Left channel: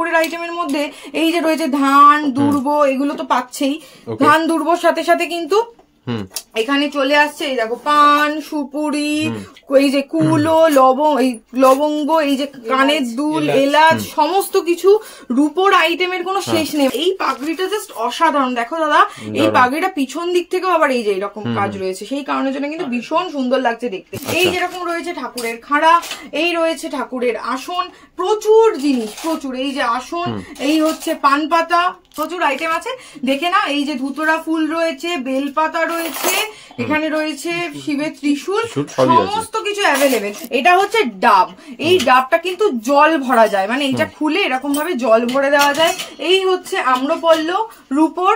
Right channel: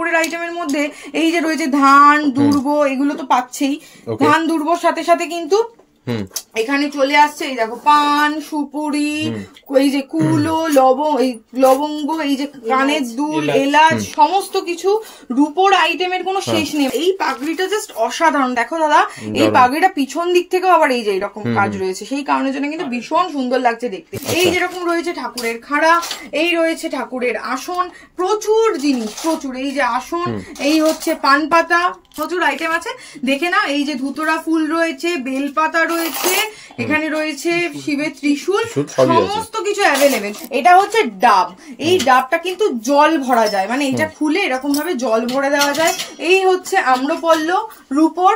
কাপড়ের আইটেমের মধ্যে এই যে রয়েছে ধান দুর্ব, এগুলো তো পাচ্ছেই। ধান দুর্বর সাথে সাথে কিন্তু এখানে চলে আসছে এই দেখো পান সুপুরি, এই যে কুলো লবঙ্গ, এই যে কানের দুল, এলাচ, সমস্ত কিছু রূপোর আইটেমের কোনো শেষ নেই। এই পাগড়িটা জাস্ট অসাধারণ। দেখো দাদা, এই পাগড়িটা পিছন দিক থেকেও আবার এই যে এরকম কাজ রয়েছে, সেই কারণের জন্য কিন্তু ভীষণ সুন্দর লাগছে দেখতে। এই যেরকম রয়েছে ঠাকুরের খাড়া, এই রয়েছে ঠাকুরের আসন, প্রচুর জিনিস, প্রচুর। এই যে আসন, এই হচ্ছে পান পাতা, প্রচুর আইটেম আছে দেখে না। এই যে ধুতরা ফুল রয়েছে, বেলপাতা রয়েছে, এখানে রয়েছে শিবের ত্রিশূল, সমস্ত কিছু অ্যাভেলেবেল। এটা হচ্ছে ডাব, এই ডাবটা কিন্তু জল ভরা যায়, মানে এটা খুলে এরকম ভাবে জল ভরে দেওয়া যায়। এই হচ্ছে আম্রপল্লব রূপোর,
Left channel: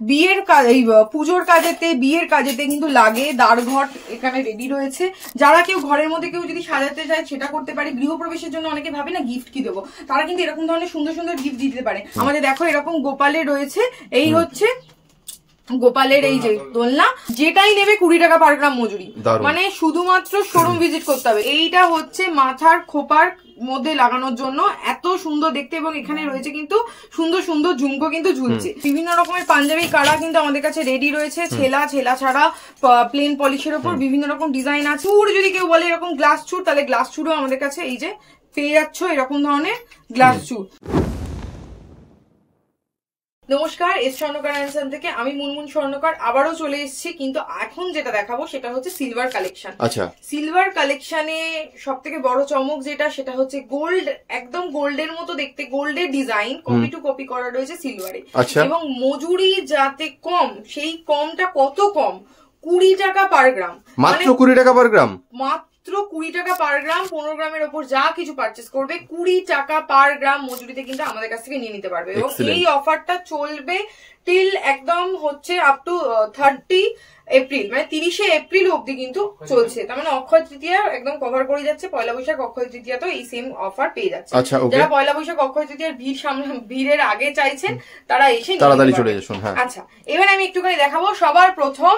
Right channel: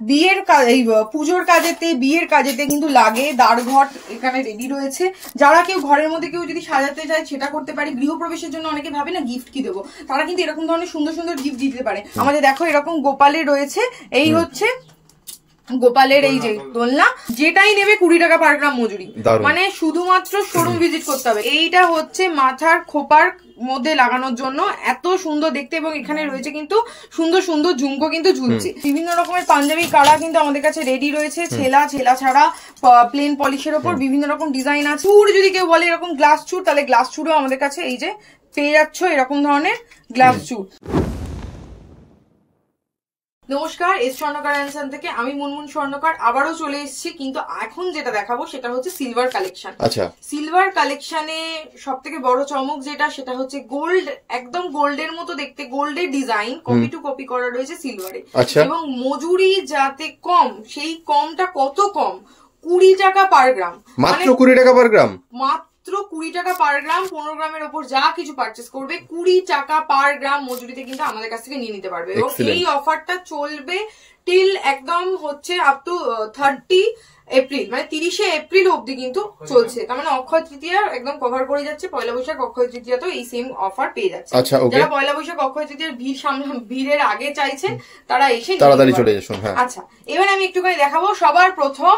বিয়ের কাজ, এই পুজোর কাজেতে বিয়ের কাজেতে কিন্তু লাগে। দ্বারঘট এখানে রেডি রয়েছে, যারা কেউ ঘরের মধ্যে কেউ যদি সাজাতে চায় সেটা করতে পারে। গৃহপ্রবেশের জন্য অনেকে ভাবে না গিফট কি দেবো, তারা কিন্তু এরকম ধরনের সুন্দর সুন্দর গিফট দিতে পারে। আমাদের দেখো এরকম গোপালের রয়েছে, এই হচ্ছে গোপালের এই যে দোলনা, যেটাই নেবে 20 টাকা পার গ্রাম মজুরি, মানে শুধুমাত্র শোরুম ভিজিট করতে হবে। এইটা হচ্ছে মাথার খোপার মধ্যে লাগানোর জন্য, এত সুন্দর দেখতে, এবং এখানে রয়েছে কিন্তু সুন্দর সুন্দর ঝুমকো কিন্তু ঝুলছে। বিভিন্ন রকমের পাঞ্জাবি কাড়া কিন্তু আমাদের কাছে রেডি রয়েছে, ছেলা ছাড়া প্লেন পলিশের ওপর বিভিন্ন রকম ডিজাইন আছে। চুর যদি কেউ বলে এরকম গ্লাস চুর, তাহলে গ্লাস চুরও আমাদের কাছে এই যে পেয়ে যাচ্ছ, এরকম ধরনের গ্লাস চুর। নমস্কার, এস স্বর্ণকার অ্যানসান থেকে আমি মুনমুন স্বর্ণকার আবারও চলে এসেছি। কিন্তু এখন যেটা দেখাবো সেটা হচ্ছে সিলভার কালেকশন। আচ্ছা, সিলভার কালেকশনে সব থেকে বড় চমক যেটা, সেটা হচ্ছে গোল্ড, একদম গোল্ডের মতো দেখতে, গোল্ডের ডিজাইন কপি টু কপি করা রয়েছে সিলভারে। এবং মজুরি যাতে কম, সেই কমটা কত কম, 20 টাকা পার গ্রাম, মাত্র 20 টাকা পার গ্রাম, মাত্র 20 টাকা পার গ্রাম। 15 গ্রামের ওপর যা কিছু পারচেস করবে 20 টাকা পার গ্রাম মজুরিতে কিন্তু আমাদের কাছ থেকে নিয়ে নিতে পারবে। এবং এই অফারটা চলবে টিল একদম হচ্ছে আপ টু 30 এপ্রিল, মানে 30 এপ্রিল অব্দি কিন্তু চলছে। তার মানে অক্ষয় তৃতীয়া একদম কভার করে যাচ্ছে, পয়লা বৈশাখ অক্ষয় তৃতীয়াতেও এই সেম অফার পেয়ে যাচ্ছে। যারা পয়লা বৈশাখ অক্ষয় তৃতীয়ার ভিড়ের আগে চাইছেন তারা এসে তাড়াতাড়ি চলে আসুন। আচ্ছা, এবার আমি একটুখানি দেখাবো। সবার প্রথম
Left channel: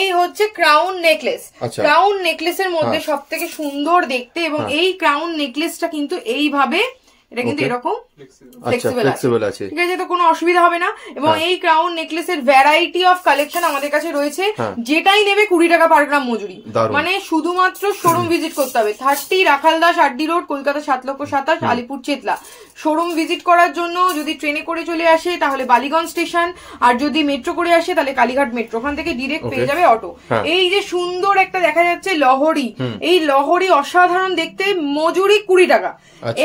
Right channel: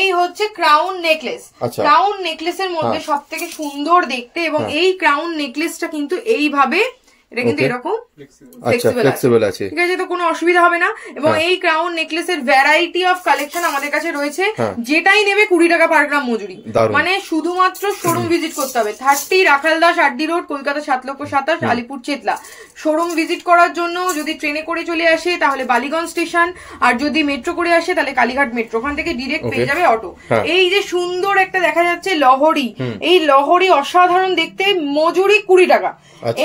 এই হচ্ছে ক্রাউন নেকলেস। ক্রাউন নেকলেসের মধ্যে সব থেকে সুন্দর দেখতে, এবং এই ক্রাউন নেকলেসটা কিন্তু এইভাবে, এটা কিন্তু এরকম ফ্লেক্সিবল আছে, ঠিক আছে, তো কোনো অসুবিধা হবে না। এবং এই ক্রাউন নেকলেসের ভ্যারাইটি অফ কালেকশন আমাদের কাছে রয়েছে, যেটাই নেবে 20 টাকা পার গ্রাম মজুরি, মানে শুধুমাত্র শোরুম ভিজিট করতে হবে। 30 Rakhaldas Addy road, Kolkata 7,27,000, Alipur Chetla. Showroom visit করার জন্য যদি ট্রেনে করে চলে আসে তাহলে বালিগঞ্জ স্টেশন, আর যদি মেট্রো করে আসে তাহলে কালীঘাট মেট্রো, ওখান থেকে ডিরেক্ট পেয়ে যাবে অটো। এই যে সুন্দর একটা দেখা যাচ্ছে লহরি, এই লহরি অসাধারণ দেখতে, মজুরি 20 টাকা।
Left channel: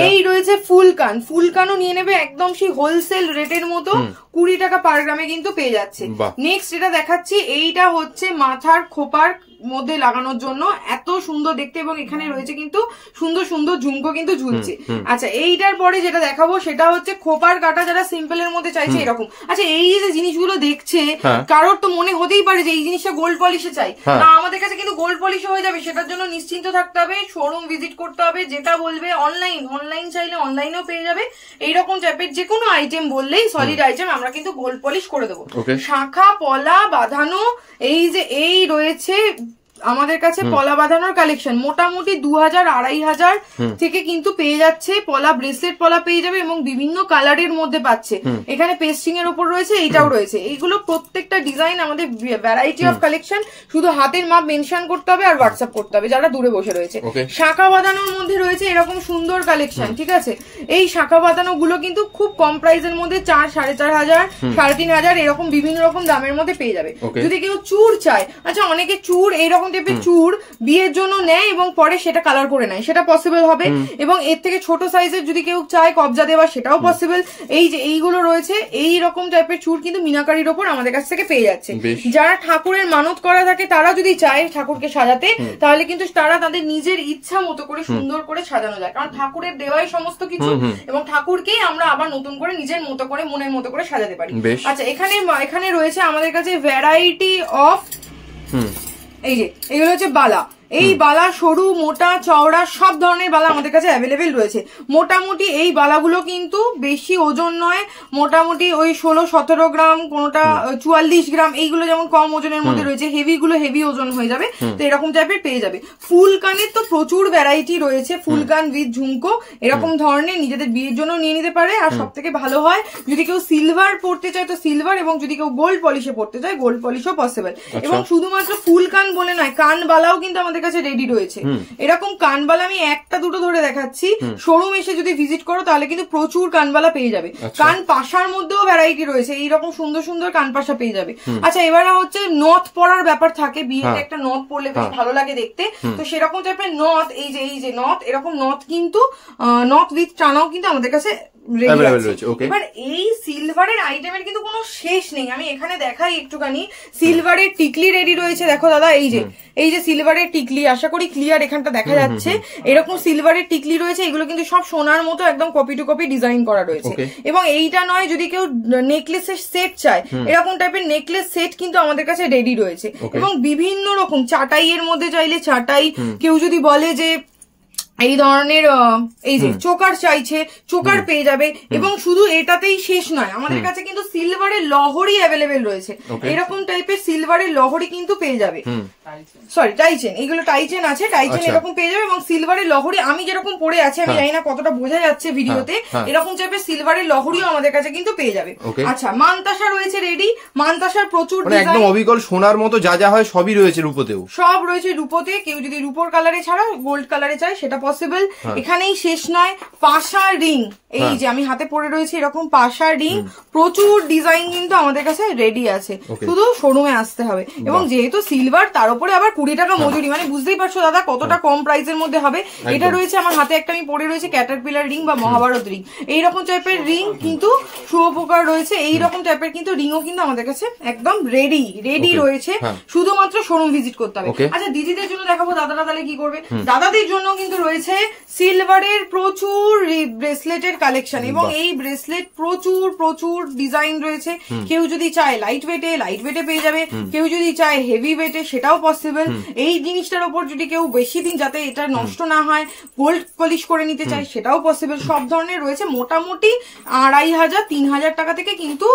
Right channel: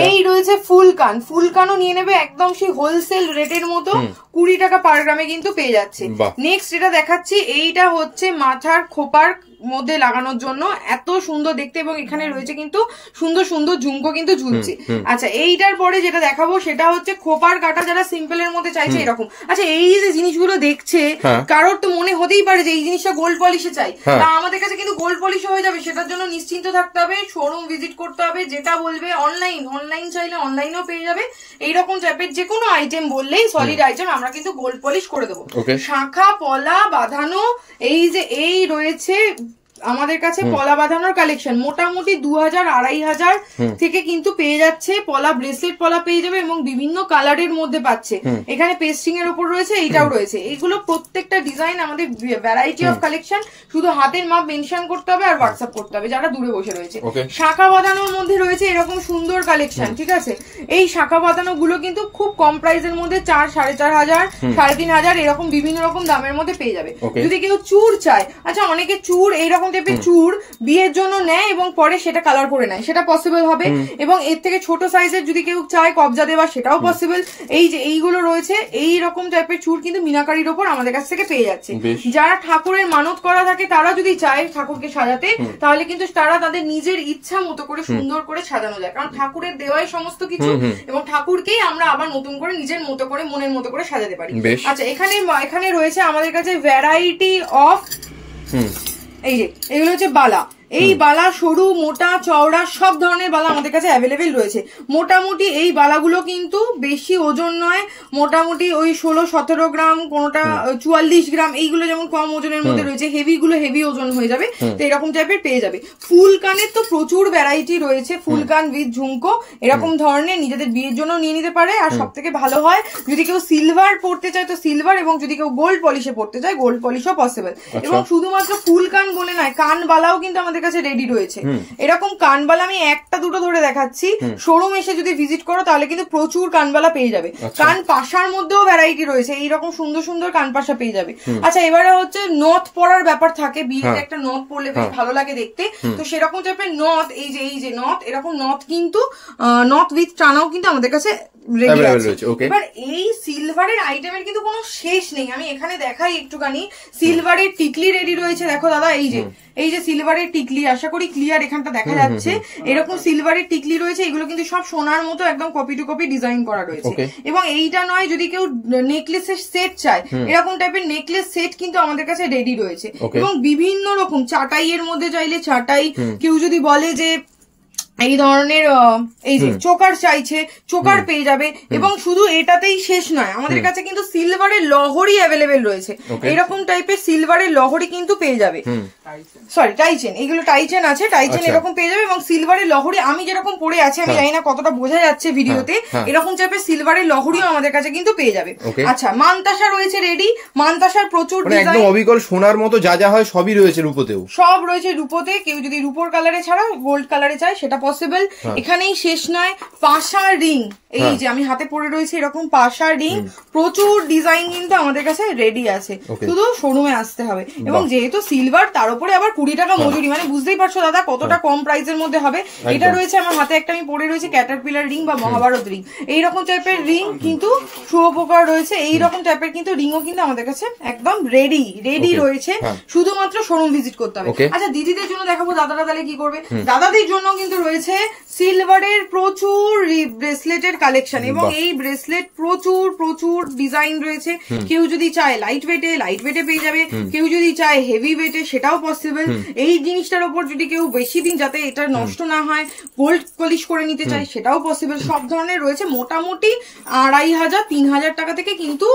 এই রয়েছে ফুলকান, ফুলকানও নিয়ে নেবে একদম সেই হোলসেল রেটের মতো, 20 টাকা পার গ্রামে কিন্তু পেয়ে যাচ্ছে। নেক্সট এটা দেখাচ্ছি, এইটা হচ্ছে মাথার খোপার মধ্যে লাগানোর জন্য, এত সুন্দর দেখতে, এবং এখানে রয়েছে কিন্তু সুন্দর সুন্দর ঝুমকো কিন্তু ঝুলছে। আচ্ছা, এইটার পরে যেটা দেখাবো সেটা হচ্ছে খোপার কাটা, যারা সিম্পল এর মধ্যে চাইছে এরকম। আচ্ছা, এই যে জিনিসগুলো দেখছে, কারোর তো মনে হতেই পারে যে এই জিনিসটা গোল্ড পলিশে চাই, না, আমাদের কাছে কিন্তু গোল্ড পলিশে হয়ে যাবে। সেটার জন্য নিশ্চিন্ত থাকতে হবে, শোরুম ভিজিট করতে হবে। যেটা বলবে অনলাইন চাইলে অনলাইনেও পেয়ে যাবে। এইরকম টাইপের যে কোনো আইটেম বললেই, সলিড আইটেম, আমরা কিন্তু গোল্ড পলিশ করে দেবো। শাখা পলা বাঁধানো, এই যে এই রয়েছে আমাদের কাছে পলা বাঁধানোর কালেকশন, মোটামুটি 2000-2500 থেকে কিন্তু পেয়ে যাচ্ছে। পলা ব্রেসলেট পলা পেয়ে যাবে, এবং বিভিন্ন কালারের মধ্যে পাচ্ছে। এখানে পেস্টিং এর উপর রয়েছে, এইটাও রয়েছে। এইগুলো প্রত্যেকটা ডিজাইন আমাদের ভ্যারাইটি অফ কালেকশন, শুধু হাতের মাপ মেনশন করতে হবে আর হোয়াটসঅ্যাপ করতে হবে যারা দূরে বসে রয়েছে। শাখা বাঁধানোর মধ্যে রয়েছে এরকম সুন্দর কালেকশন, ঠিক আছে। এই শাখা বাঁধানো গুলো কিন্তু খুব কম প্রাইসের মধ্যে 4,500, 3,500 এরকম বিভিন্ন রকম দামের মধ্যে পেয়ে যাবে। যদি কেউ চুর চায়, আচ্ছা, অনেকে চুর এইরকম টাইপের চুর বিয়ের জন্য নেয় এবং পরে সেটা কালার করে নেয়, সেটা পসিবল হবে। এবং এর থেকে ছোট সাইজের যদি কেউ চায় কবজা দেওয়া, সেটাও পসিবল। এই যে এইগুলো রয়েছে, এই রকম টাইপের চুর কিন্তু মিনাকারির ওপর আমাদের কাছ থেকে পেয়ে যাচ্ছে। যারা ঠাকুরের মানত করা থাকে, তারা যদি চায় ঠাকুরকে সাজাতে, তাহলে কিন্তু তারা তাদের নিজের ইচ্ছা মতো করে সুন্দর করে সাজানো যায়, কারণ ঠাকুরের দেওয়াই সমস্ত কিছু, এবং ঠাকুরকেই আমরা আবার নতুন করে নিজের মতো করে, মনের মতো করে সাজাতে পারি। আচ্ছা, এখানে রয়েছে আমাদের কাছে ভ্যারাইটি অফ, এই যে এগুলো হচ্ছে বালা, এই বালা সরু মোটা চওড়া সব ধরনের বালা আমাদের কাছে অ্যাভেলেবেল রয়েছে। মোটামুটি এই বালাগুলো কিন্তু বেশি ওজন নয়, মোটামুটি ওই 16-17 গ্রাম, কোনটা 44 গ্রাম, এইগুলো যেমন কম ওজনের মধ্যে রয়েছে, হেভি গুলো হেভি ওজন হয়ে যাবে, তো এরকম টাইপের পেয়ে যাবে। ফুল কানের তো প্রচুর ভ্যারাইটি রয়েছে, ফুল কান উইথ ঝুমকো এরকম ধরনের নিজেদের বিয়ের জন্য নিয়ে নিতে পারে। আর সব থেকে ভালো হয় যদি কেউ সিলভার পড়তে চায় তো সিলভার, এবং যদি কেউ গোল্ড পলিশে পড়তে চায় গোল্ড পলিশও পসিবল। এবং শুধুমাত্র ফুল কান বলে নয়, কানবালাও কিন্তু আমাদের কাছে রেডি রয়েছে। এরকম কানবালা আমি একটা দুটো ধরে দেখাচ্ছি, শোরুম এসে যদি ভিজিট করো তাহলে কিন্তু প্রচুর কানবালা পেয়ে যাবে। কান পাশার মধ্যেও ভ্যারাইটি রয়েছে, এইরকম সুন্দর সুন্দর কান পাশা পেয়ে যাবে। আচ্ছা, এবারে হচ্ছে নথ পরার ব্যাপার থাকে, বিয়েতে একটা নথ পরলে বেশ ভালো লাগে দেখতে, তো সেরকম টাইপের নথ, এই যে নথ, এরকম নথ কিন্তু নথ উইথ টানাও কিন্তু আমাদের কাছে এবার এই সিলভারের আইটেমের কিন্তু কোনো শেষ নেই। আমি এখানে দেখাই একটুখানি, সিলভারের টিকলি রেডি রয়েছে, দেখো দাদা এই যে সিলভারের টিকলি, আশা করি ক্লিয়ার এখানটা দেখা যাচ্ছে, এরকম সিলভারের টিকলি রয়েছে, এগুলো কিন্তু সব সোনার মতো একদম কপি টু কপি ডিজাইন করা রয়েছে। এবং এইটা নয়, যদি কেউ নেকলেসের সেট চায়, এরকম টাইপের নেকলেস সেট কিন্তু আমাদের কাছে রেডি রয়েছে। এবং বিভিন্ন রকম চাটাই এর মধ্যে চাইলে চাটাই, কেউ যদি বলে যে এই ধরনের এই যে চোকার চাইছে, চোকার পেয়ে যাবে। এবং শুধু এটাতেই শেষ নয়, আমাদের কাছে কিন্তু সিলভারের লহরি অ্যাভেলেবেল রয়েছে, এরকম টাইপের সিলভারের লহরি কিন্তু পেয়ে যাবে। সরি, টাইচেন, এইগুলো টাইচেন আছে, টাইচেন এরকম পেয়ে যাবে। এবং সিলভারের লহরি আমি যেরকম পরে আছি, আমি জানি না কতটা বোঝা যাচ্ছে ভিডিওতে, এরকম টাইপের সিলভারের লহরিও আমাদের কাছে কিন্তু পেয়ে যাবে। আচ্ছা, মানতাসা রয়েছে রেডি, মানতাসার প্রচুর একদম অবিকল সোনার মতো যা যা হয় সবই রয়েছে, রূপোতেও সব রয়েছে। রূপোতে কেউ যদি রূপোর কালারে ছাড়া গোল্ড কালারে চায় সেটা পসিবল। এখানেই শেষ নয়, পাশার রিং, এই যে আমি হাতে পরে রয়েছে এরকম পাশার রিং, প্রচুর ডিজাইন কিন্তু আমাদের কাছে রেডি আছে, শুধু শোরুমে আসতে হবে। এবং যেহেতু সিলভার, তার উপরে আবার 20 টাকা মজুরি, মানে বুঝতেই পারছো দাদা কতটা কম প্রাইসের মধ্যে হবে। এটা রয়েছে আমার হাতে, একটা আমি পরে রয়েছে ক্যাটারপিলার রিং বা মহাভারত রিং, এইরকম টাইপের রিং কিন্তু শুভপ্রকার রয়েছে, এইরকম টাইপের কিন্তু রিংও কিন্তু আমাদের কাছে একদম রেডি রয়েছে, শুধুমাত্র শোরুম ভিজিট করতে হবে। আচ্ছা, দিদিদের জন্য দেখাবো, দাদারা তাহলে কি করবে? দাদাদের জন্য কিন্তু রয়েছে সিলভারের প্রচুর ব্রেসলেটের কালেকশন, এবং এই ব্রেসলেট প্রচুর ডিজাইন রয়েছে। কেউ যদি চায় লাইট ওয়েটে পেয়ে যাবে, কেউ যদি চায় হেভি ওয়েটে সেটাও পসিবল। এই জিনিসটার উপর যদি কেউ বেশি দিন যাতে এটা নষ্ট না হয় গোল্ড পলিশ করে নিতে চায় সেটাও পসিবল। সব ধরনের রয়েছে, মোটামুটি 2500-3000 টাকা থেকে কিন্তু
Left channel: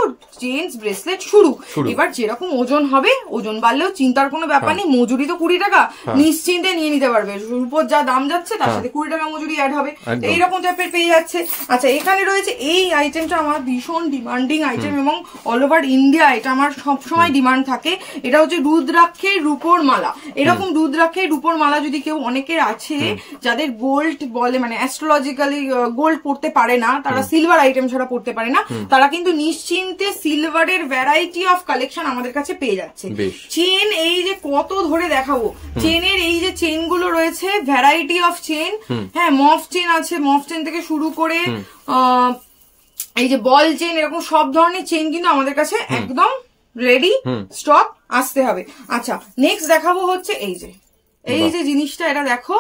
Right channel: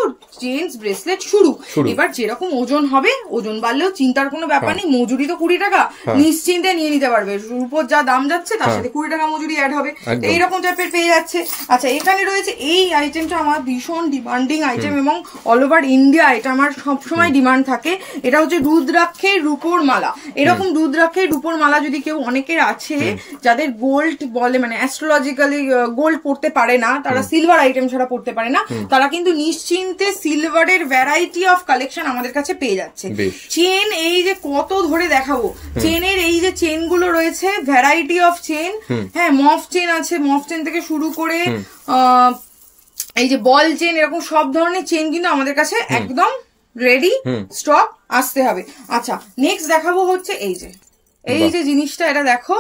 চেইনস ব্রেসলেট শুরু। এবার যেরকম ওজন হবে, ওজন বাড়লেও চিন্তার কোনো ব্যাপার নেই, মজুরি তো 20 টাকা, নিশ্চিন্তে নিয়ে নিতে পারবে। রূপোর যা দাম যাচ্ছে তার সাথে 20 টাকা মজুরি অ্যাড হবে, এইরকম টাইপের পেয়ে যাচ্ছে। আচ্ছা, এখানে রয়েছে এই আইটেমটা আমার ভীষণ ডিমান্ডিং আইটেম, এবং অল ওভার ইন্ডিয়া এটা আমার সবসময় ডিমান্ড থাকে। এটা হচ্ছে রুদ্রাক্ষের রূপোর মালা। এরকম রুদ্রাক্ষের রূপোর মালা যদি কেউ, অনেকের আছে যাদের গোল্ড বলে, মানে অ্যাস্ট্রোলজিক্যালি গোল্ড পড়তে পারে না, তারা সিলভার আইটেম ছাড়া পড়তে পারে না, তারা কিন্তু নিশ্চিন্তে সিলভারের ভ্যারাইটি অফ কালেকশন আমাদের কাছে পেয়ে যাচ্ছে। চেন এই যে কত ধরে দেখাবো, চেনের এই যে চেন গুলো রয়েছে, ভ্যারাইটি অফ চেন, হ্যাঁ, মফ চেন আছে, মফ চেন থেকে শুরু করে এই যে বল চেন, এরকম সব ধরনের চেন কিন্তু আমাদের কাছে একদম রেডি স্টক আসতে হবে। আচ্ছা, নেক্সট দেখাবো হচ্ছে এই যে জিনিসটা, এটা দেখো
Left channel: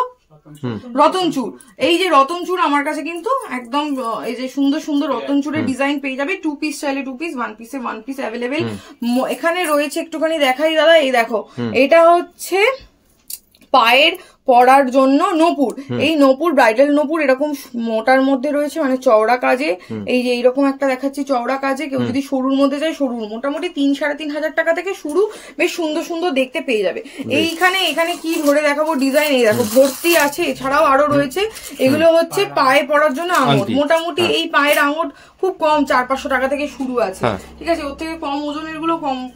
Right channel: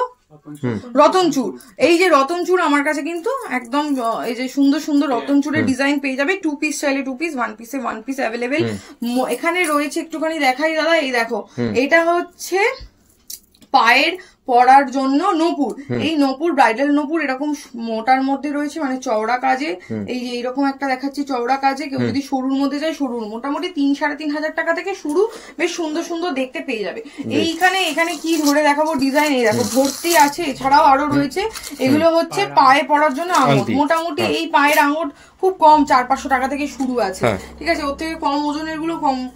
রতনচুর। এই যে রতনচুর আমার কাছে কিন্তু একদম এই যে সুন্দর সুন্দর রতনচুরের ডিজাইন পেয়ে যাবে। 2 পিস চাইলে 2 পিস, 1 পিসে 1 পিস অ্যাভেলেবেল। এখানে রয়েছে, একটুখানি দেখাই দাদা, এই দেখো, এটা হচ্ছে পায়ের পরার জন্য নপুর। এই নপুর ব্রাইডাল নপুর এরকম মোটার মধ্যে রয়েছে, মানে চওড়া কাজে। এই যে এইরকম একটা দেখাচ্ছি চওড়া কাজে, কেউ যদি সরুর মধ্যে যায় সরুর, মোটামুটি 3-3.5 টাকা থেকে শুরু, বেশ সুন্দর সুন্দর দেখতে পেয়ে যাবে। এখানে কি ধরে দেখাবো ডিজাইন, এই দেখো ভর্তি আছে, এছাড়াও আরো রয়েছে। এগুলো হচ্ছে পায়ে পরার জন্য আঙুর, মোটামুটি এই পায়ের আঙুর খুব কম 400-500 টাকা থেকে শুরু আছে, ঠিক আছে, ওর থেকে কম ওজনের গুলো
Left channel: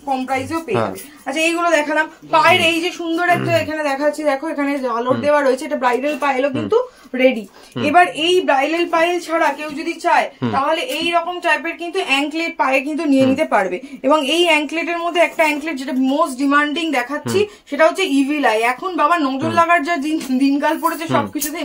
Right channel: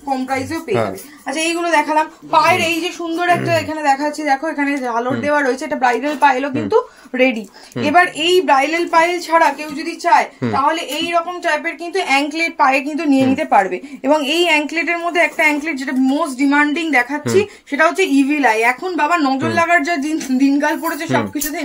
কম প্রাইসেও পেয়ে যাবে। আচ্ছা, এইগুলো দেখালাম। পায়ের এই যে সুন্দর একটা এখানে দেখাচ্ছি, দেখো এখানে ঝালর দেওয়া রয়েছে, এটা ব্রাইডাল পায়েলও কিন্তু রেডি। এবার এই ব্রাইডাল পায়েল ছাড়া কেউ যদি চায় তাহলে এই রকম টাইপের কিন্তু অ্যাঙ্কলেট পায়ে কিন্তু নিয়ে নিতে পারবে। এবং এই অ্যাঙ্কলেটের মধ্যে একটা অ্যাঙ্কলেট যেটা মোস্ট ডিমান্ডিং দেখাচ্ছি, সেটা হচ্ছে ইভিল আই। এখন বাবা নজর লাগার যা দিনকাল পড়েছে, সবকিছুতে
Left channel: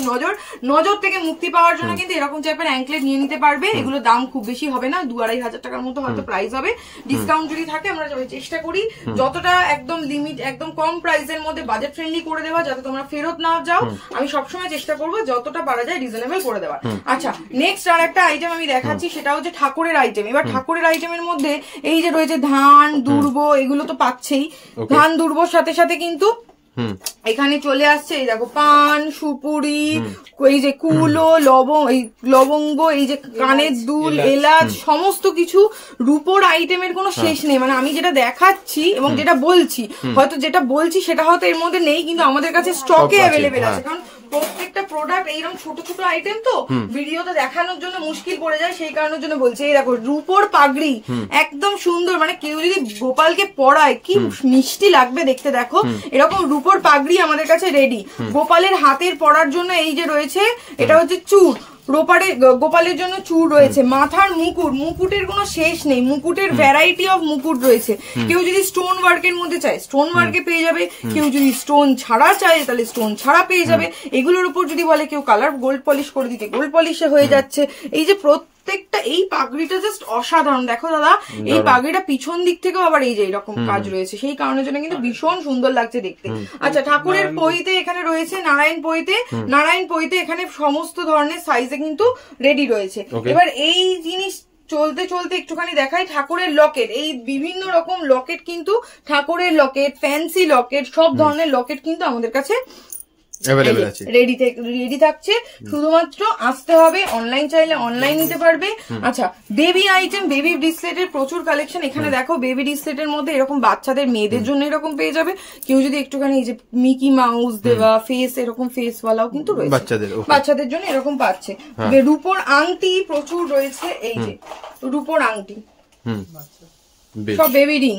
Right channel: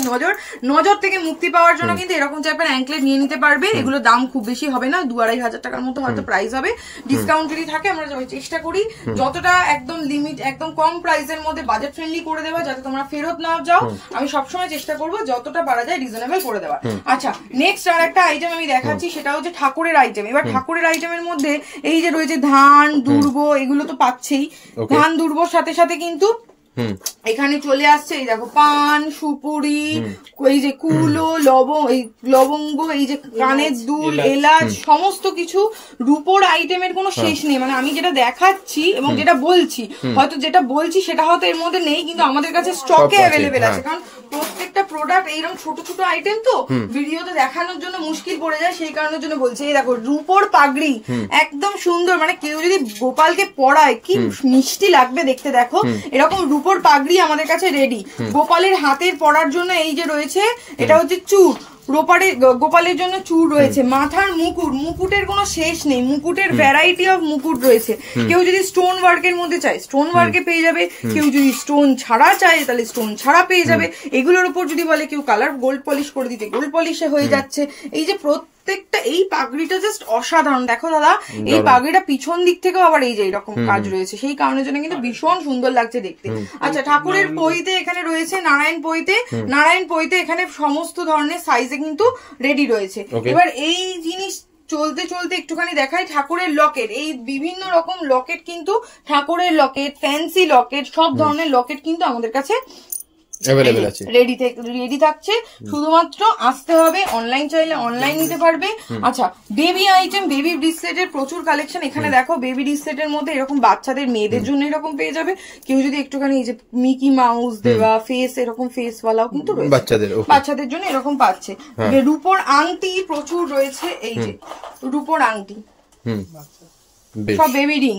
নজর থেকে মুক্তি পাওয়ার জন্য কিন্তু এরকম টাইপের অ্যাঙ্কলেট নিয়ে নিতে পারবে। এগুলো দাম খুব বেশি হবে না, 2-2.5 হাজার টাকার মতো হয়তো প্রাইস হবে। ডিসকাউন্ট যদি থাকে আমরা চেষ্টা করি যতটা একদম লিমিট, একদম কম প্রাইসের মধ্যে বাজেট ফ্রেন্ডলি করে দেওয়া, যাতে তোমরা ফেরত না যাও। আমি সবসময় চেষ্টা করবো যতটা পারা যায় রিজনেবল করে দেওয়া। আচ্ছা, নেক্সট আর একটা আইটেম আমি দেখাচ্ছি, সেটা হচ্ছে ঠাকুরের আইটেম। এবার ঠাকুরের আইটেমের মধ্যে এই যে রয়েছে ধান দুর্ব, এগুলো তো পাচ্ছেই। ধান দুর্বর সাথে সাথে কিন্তু এখানে চলে আসছে এই দেখো পান, সুপুরি, এই যে কুলো, লবঙ্গ, এই যে কানের দুল, এলাচ, সমস্ত কিছু রূপোর আইটেমের কোনো শেষ নেই। মানে আমি যেটা দেখাচ্ছি এবং যেটা বলছি, হয়তো যেটা বলছি সেটা হয়তো এর মধ্যে নেই, কিন্তু আমাদের কাছে স্টকে অ্যাভেলেবেল আছে। কারণ প্রত্যেকটা প্রোডাক্ট এইরকম ছোট ছোট আইটেম তো ভিডিওতে দেখানোর জন্য মুশকিল পড়ে যায়, সেই কারণের জন্য বলছি। এই দেখো রূপোর পাগড়ি, একদম সুন্দর, মানে কেউ যদি গোপালকে পরায় কি মিষ্টি লাগবে দেখতে। দেখো এরকম রূপোর পাগড়ি আমাদের কাছে রেডি। গোপালের হাতের পরার জন্য এই যে রয়েছে, এটা হচ্ছে চূড়, গোপালের জন্য চূড় রয়েছে। মাথার মুকুটের কোনো শেষ নেই, মুকুটের ভ্যারাইটি অফ মুকুট রয়েছে। কেউ যদি স্টোন ওয়ার্কের মধ্যে চায় স্টোন ওয়ার্কে পেয়ে যাবে, কেউ যদি স্টোন ছাড়া চায় তাহলে স্টোন ছাড়া পেয়ে যাবে। এগুলোর উপর যদি বলে কেউ কালার গোল্ড পলিশ করে দিতে, গোল্ড পলিশে হয়ে যাচ্ছে। এই যে প্রত্যেকটা, এই পাগড়িটা জাস্ট অসাধারণ। দেখো দাদা, এই পাগড়িটা পিছন দিক থেকেও আবার এই যে এরকম কাজ রয়েছে, সেই কারণের জন্য কিন্তু ভীষণ সুন্দর লাগছে দেখতে। আচ্ছা, ঠাকুরের পইতে এখানে রয়েছে নারায়ণ পইতে এখানে সমস্ত ধরনের সাইজে কিন্তু রেডি রয়েছে। এবার এই জিনিস চলতে চলতে একটুখানি দেখাই ঠাকুরের লকেট। এই বিভিন্ন রকম লকেট কিন্তু, ঠাকুরের লকেট, ফ্যান্সি লকেট, সব ধরনের লকেট কিন্তু আমাদের কাছে রেডি থাকছে। শুধুমাত্র আসতে হবে, অনলাইন চাইলে অনলাইন নিতে পারবে। আচ্ছা, বেবি আইটেম, বেবি ব্রেসলেটের প্রচুর কালেকশন। এখানে দেখো বেবি ব্রেসলেটের মধ্যে এরকম বাচ্চাদের, মেয়েদের জন্য এরকম পেয়ে যাবে। কেউ যদি একটুখানি এই যে মিকি মাউস দেওয়া ফেস, এরকম ফেস ওয়ালাও কিন্তু রয়েছে বাচ্চাদের জন্য, এরকম পাচ্ছে। রূপোর আংটি প্রচুর রয়েছে, এই যে রূপোর আংটি, সব বেবি রিং,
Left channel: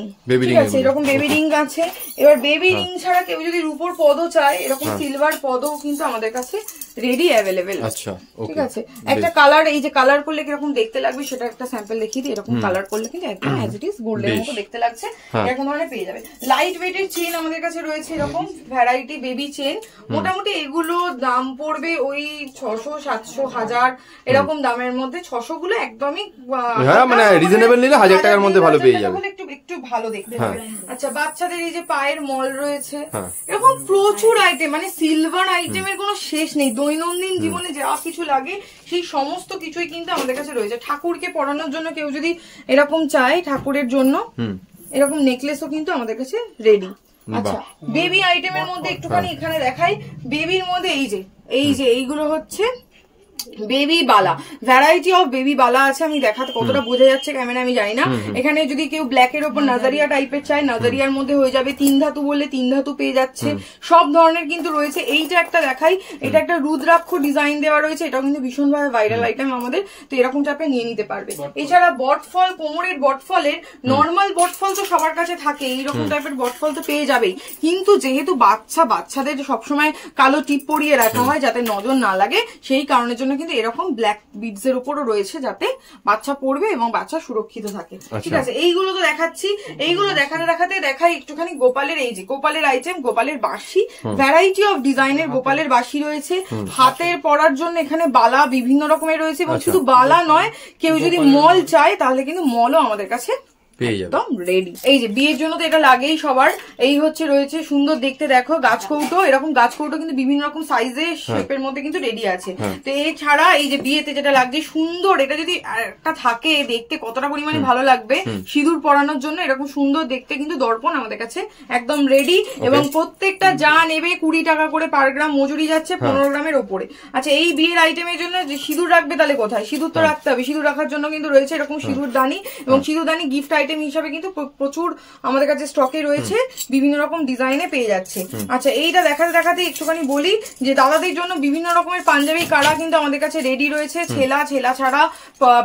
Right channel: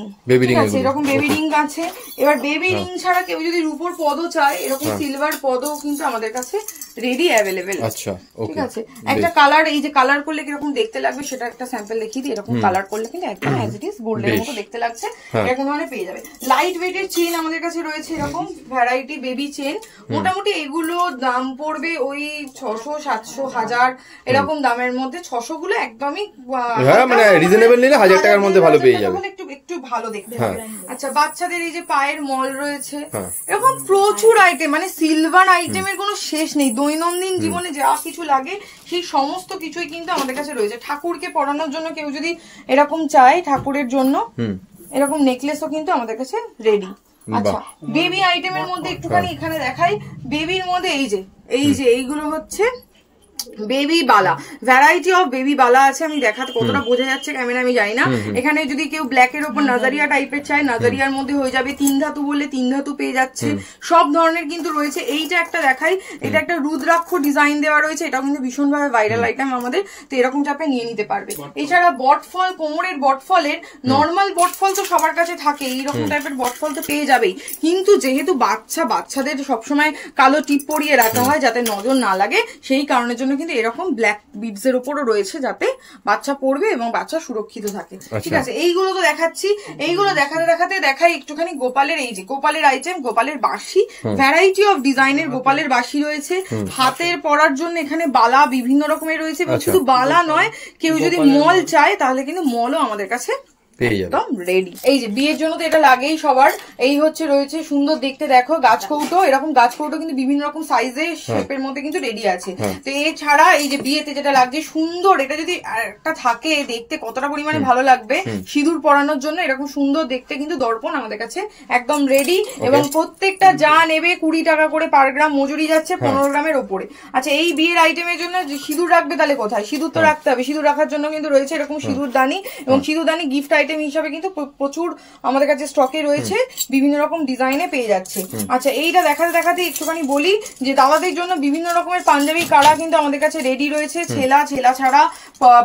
ঠিক আছে, এরকম বেবি রিং আছে। এবার বেবি রিং ছাড়া কেউ যদি রূপোর পদও চায়, এরকম সিলভার পদও কিন্তু আমাদের কাছে রেডি অ্যাভেলেবেল। আচ্ছা, ঠিক আছে। একটা কালার, এই যে কালার করলে কিরকম দেখতে লাগবে সেটা একটা স্যাম্পল দেখিয়ে দিই। এরকম কালার করলে কিন্তু একদম অ্যাজ ইট ইজ গোল্ডের মতো দেখতে লাগছে, এরকম ধরনের পেয়ে যাবে। লাইট ওয়েটের চেন আমাদের কাছে রয়েছে, এরকম ভ্যারাইটি বেবি চেন। মোটামুটি এগুলো দাম পড়বে ওই 600, 700, 1000 এরকম দামের মধ্যে। 600 গুলো একদমই মানে রিজনেবল নিলে 1000 টাকার মধ্যে ভালো পেয়ে যাবে, একটু ভালো দেখতে হবে। আচ্ছা, বাচ্চাদের এই যে পায়ের মল রয়েছে, এরকম প্রচুর আইটেম, মানে সিলভার আইটেমের কোনো শেষ নেই। দৈনন্দিন জীবনে যা কিছু লাগে সেই সমস্ত কিছুই কিন্তু আমাদের কাছে রয়েছে। ঠাকুরকে পরানোর জন্য কেউ যদি এরকম চায়, ঠাকুরের জন্য এরকম নেকলেসও কিন্তু আমাদের কাছে রেডি। আচ্ছা, বেবি আইটেমের মধ্যে একটুখানি এখানে দেখাই। বেবির মধ্যে এই যে এইগুলো হচ্ছে baby Bala, variety of baby বালা আছে। আমি দেখাতে কতটা বোঝা যাচ্ছে ক্যামেরা আমি জানি না। এখানে যদি কেউ ব্ল্যাক এর উপর নাজারিয়া টাইপের চায়, নাজারিয়ার মধ্যে হয়ে যাবে। 3 ধাতু বললে 3 ধাতু পেয়ে যাচ্ছে, সব ধরনের কিন্তু রয়েছে। এইটা একটা দেখাই, এটা একটা রুদ্রাক্ষ ডিজাইন দেওয়া রয়েছে, এটাও কিন্তু ভীষণ ভাবে ভাইরাল আইটেম আমাদের, তো এরকম টাইপে নিয়ে নিতে পারবে। এছাড়া বটফল, কোমরের বটফলের নর্মাল বটফল তো সবার কাছে থাকে, এইরকম টাইপের বটফল তো পেয়ে যাবেই। কিন্তু যেহেতু বাচ্চাদের সবসময় কালো টিপ পরিয়ে রাখা হয় যাতে নজর না লাগে, সেই কারণের জন্য কিন্তু এরকম ব্ল্যাক বিডস এর উপরও রয়েছে, যাতে বাচ্চা পড়বে এবং বাচ্চা সুরক্ষিত থাকে। ঠিক আছে, এইগুলো তো দেখাচ্ছি। এইগুলো দেখাতে দেখাই একটুখানি গোপালের, এই যে গোপালের আইটেম, গোপালের বাঁশি, ভ্যারাইটি অফ ডিজাইনের গোপালের বাঁশি রয়েছে। হাতের পরার জন্য এখানে বালা বিভিন্ন রকমের রয়েছে, এবং শুধু বালা নয়, কেউ যদি মল চায় তাহলে কিন্তু মলও আমাদের কাছে একদম রেডি। এই যে বিয়ের জন্য তো এটা লাগেই সবার। এই হচ্ছে রয়েছে সুন্দর দেখতে, দেখো গাছ কৌটো, এরকম গাছ কৌটো কিন্তু বিভিন্ন রকম সাইজে শেপের মধ্যে কিন্তু রেডি আছে। তো এছাড়া এই যে বিয়েতে যেটা লাগছে সুন্দর, এটা যদি একটা থাকে দেখতে কতটা পরিমাণে ভালো লাগবে, সিঁদুর পরানোর জন্য এরকম সুন্দর দেখতে কিন্তু দর্পণ আমাদের কাছে একদম রেডি। এবং প্রত্যেকটা যা নেবে 20 টাকা করে পার গ্রাম মজুরি যাচ্ছে, 15 গ্রামের ওপরে। আচ্ছা, এই বিয়ের আইটেমের জন্য যে সিঁদুর রাখবে তাহলে কোথায়, সিঁদুর তো রাখতে হবে। সিঁদুর রাখার জন্য কিন্তু রয়েছে এরকম সিঁদুর দানি, এবং সিঁদুর দানি গিফট আইটেম হিসাবে কিন্তু প্রচুর আমাদের কাছে স্টকে রয়েছে, বিভিন্ন রকম ডিজাইনে পেয়ে যাচ্ছে। আচ্ছা, এইটা দেখাতে একটুখানি বলি যে দাদাদের জন্য বিভিন্ন রকমের পাঞ্জাবি কারা কিন্তু আমাদের কাছে রেডি রয়েছে। ছেলা ছাড়া